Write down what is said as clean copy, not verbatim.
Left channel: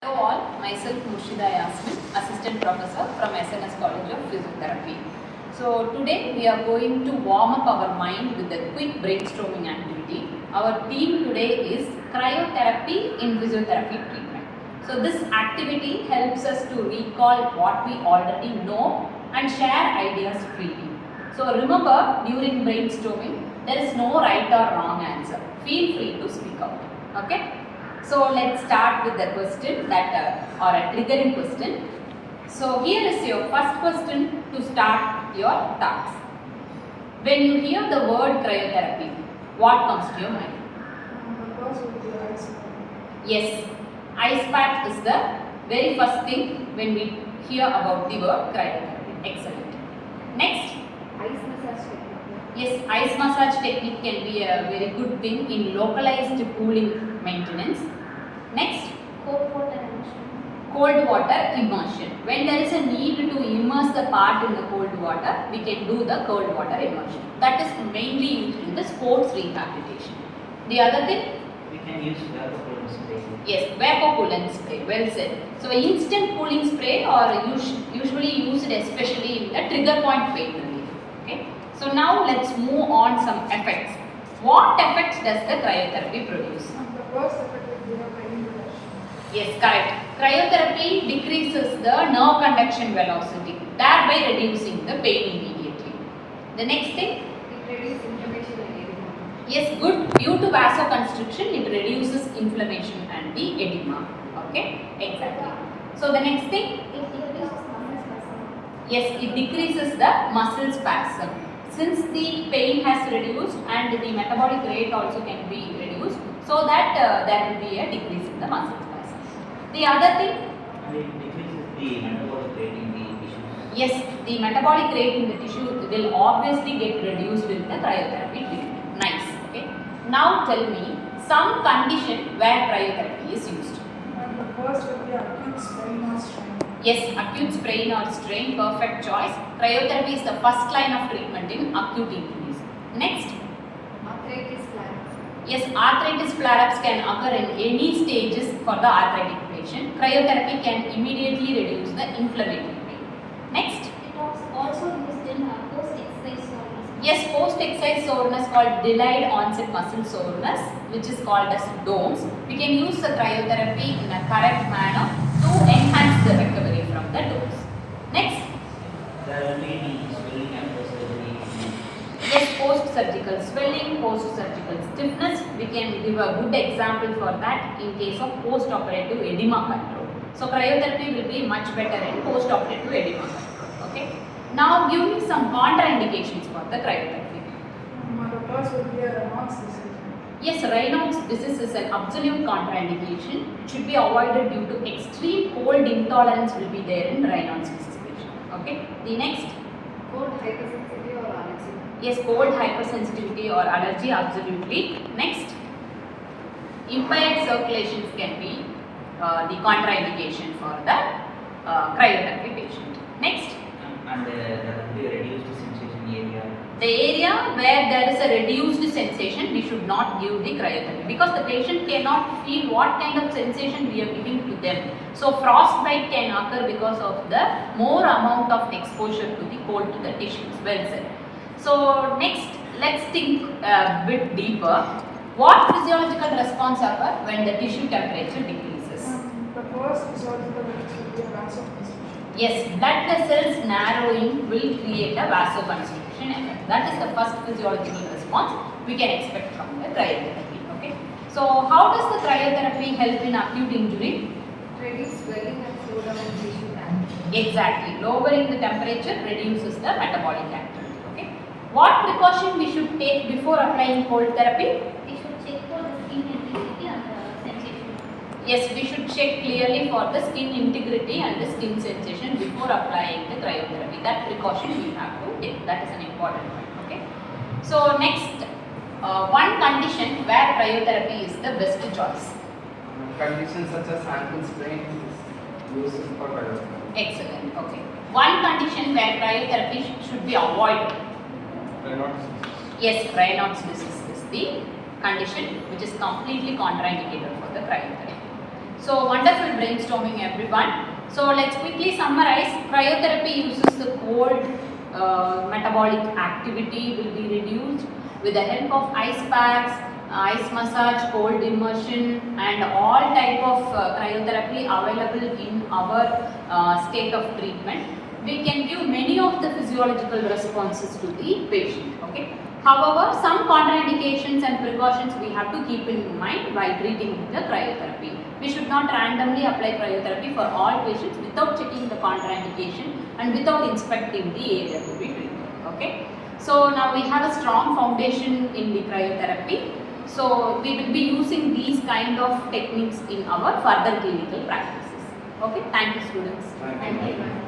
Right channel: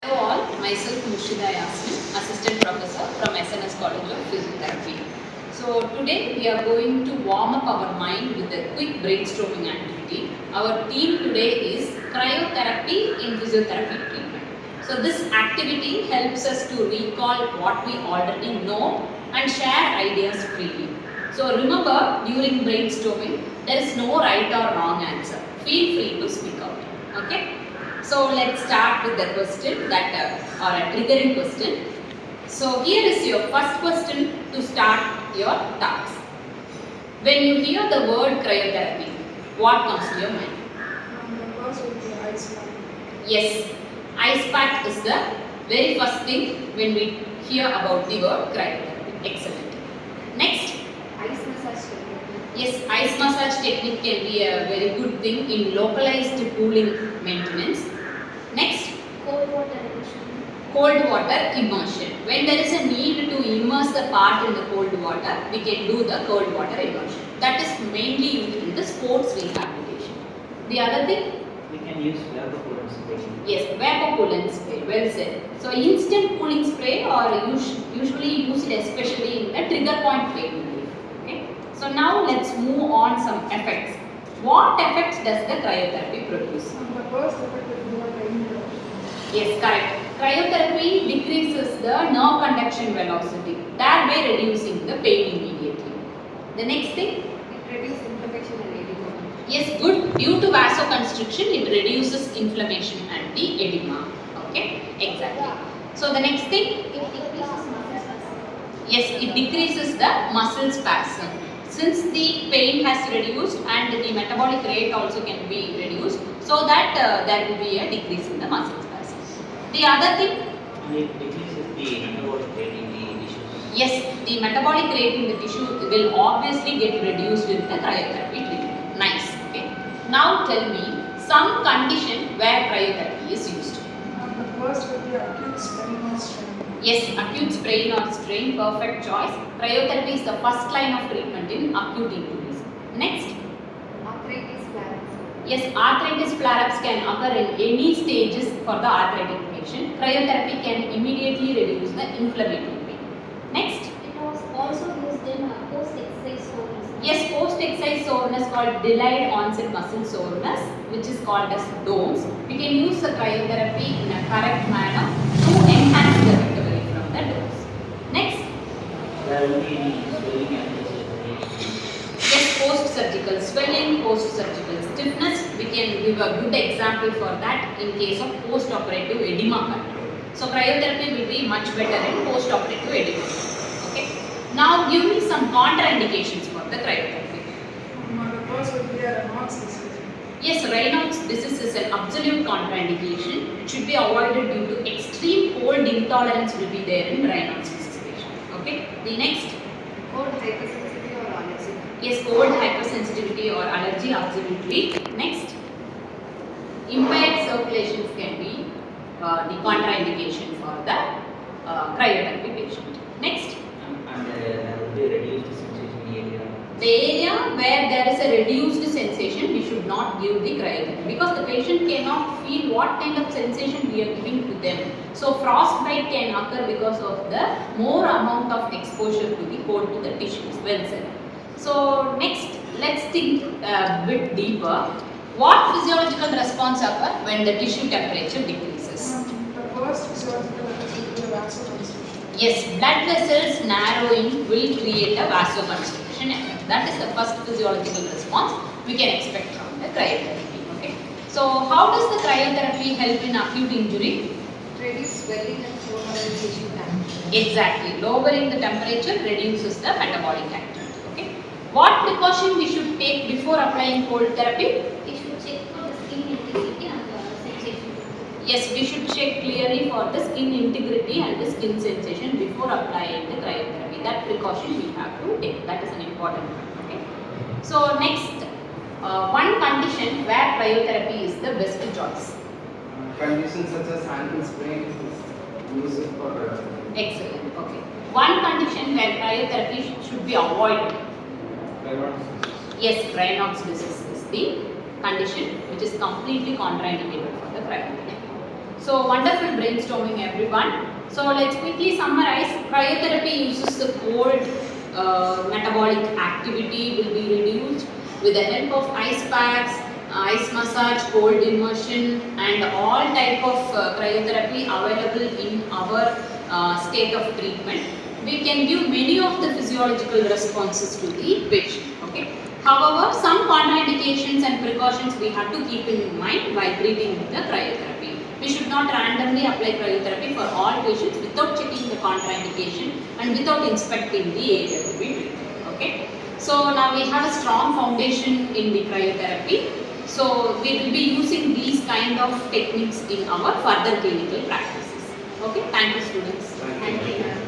Hello all, myself Murshida Yasmin, Assistant Professor from SNS College of Physiotherapy. So today we are going to warm up our mind with a quick brainstorming activity. Our theme today is cryotherapy in physiotherapy treatment. So this activity helps us to recall what we already know and share ideas freely. So remember, during brainstorming, there is no right or wrong answer. Feel free to speak out. Okay? So let's start with the question that or a triggering question. So here is your first question to start your task. When you hear the word cryotherapy, what comes to your mind? The first would be ice bath. Yes, ice pack is the very first thing when we hear about the word cryotherapy. Excellent. Next. Ice massage technique. Yes, ice massage technique can be a very good thing in localized cooling maintenance. Next. Cold water immersion. Cold water immersion. When there is a need to immerse the part in the cold water, we can do the cold water immersion. That is mainly used in the sports rehabilitation. The other thing? We can use vapor cooling spray. Yes, vapor coolant spray. Well said. So instant cooling spray or usually used especially in the trigger point pain relief. Okay. So now let's move on some effects. What effects does the cryotherapy produce? The first effect would be a pain reduction. Yes, correct. Cryotherapy decreases the nerve conduction velocity, thereby reducing the pain immediately. The next thing? It reduces inflammation and edema. Yes, good. Due to vasoconstriction, it reduces inflammation and the edema. Okay, exactly. So the next thing? It decreases muscle spasm. Yes, it decreases the muscle spasm. Since the pain has reduced and the metabolic rate also can be reduced, so that there will be a decrease in the muscle spasm. The other thing? And it decreases the metabolic rate in the tissues. Yes, the metabolic rate in the tissue will obviously get reduced in the cryotherapy treatment. Nice. Okay. Now tell me some condition where cryotherapy is used. The first would be acute sprain or strain. Yes, acute sprain or strain, perfect choice. Cryotherapy is the first line of treatment in acute injuries. Next. Arthritis flares. Yes, arthritis flare-ups can occur in any stages for the arthritic patient. Cryotherapy can immediately reduce the inflammatory pain. Next. It was also used in post-exercise soreness. Yes, post-exercise soreness called delayed onset muscle soreness, which is called as DOMS. We can use the cryotherapy in a correct manner to enhance the recovery from the DOMS. Next. There will be any swelling after surgery. Yes, post-surgical swelling, post-surgical stiffness. We can give a good example for that in case of post-operative edema control. So cryotherapy will be much better in post-operative edema control. Okay. Now give me some contraindications for the cryotherapy. The first would be a Raynaud's disease. Yes, Raynaud's disease is an absolute contraindication. It should be avoided due to extreme cold intolerance will be there in Raynaud's disease patient. Okay. The next. Cold hypersensitivity or allergy. Yes, cold hypersensitivity or allergy, absolutely. Next, impaired circulations can be the contraindication for the cryotherapy patient. Next, And there will be a reduced sensation area. the area where there is a reduced sensation, we should not give the cryotherapy because the patient cannot feel what kind of sensation we are giving to them. So frostbite can occur because of the more amount of exposure to the cold to the tissues. Well said. So next, let's think a bit deeper. What physiological response occur when the tissue temperature decreases? The first physiological effect would be a vasoconstriction. Yes, blood vessels narrowing will create a vasoconstriction effect. That is the first physiological response we can expect from the cryotherapy. Okay. So how does the cryotherapy help in acute injury? Reduce swelling and slow down tissue damage. Exactly. Lowering the temperature reduces the metabolic activity. Okay. What precaution we should take before applying cold therapy? We should check for the skin integrity and the sensation. Yes, we should check clearly for the skin integrity and the skin sensation before applying the cryotherapy. That precaution we have to take. That is an important one. Okay. So next, one condition where cryotherapy is the best choice. Conditions such as ankle sprain is used for cryotherapy. Excellent. Okay. One condition where cryotherapy should be avoided. Raynaud's disease. Yes, Raynaud's disease is the condition which is completely contraindicated for the cryotherapy. So wonderful brainstorming, everyone. So let's quickly summarize. Cryotherapy uses the cold metabolic activity will be reduced with the help of ice packs, ice massage, cold immersion, and all type of cryotherapy available in our state of treatment. We can give many of the physiological responses to the patient. Okay. However, some contraindications and precautions we have to keep in mind while treating with the cryotherapy. We should not randomly apply cryotherapy for all patients without checking the contraindication and without inspecting the area to be treated. Okay. So now we have a strong foundation in the cryotherapy. So we will be using these kind of techniques in our further clinical practices. Okay. Thank you, students. Thank you. Thank you, ma'am.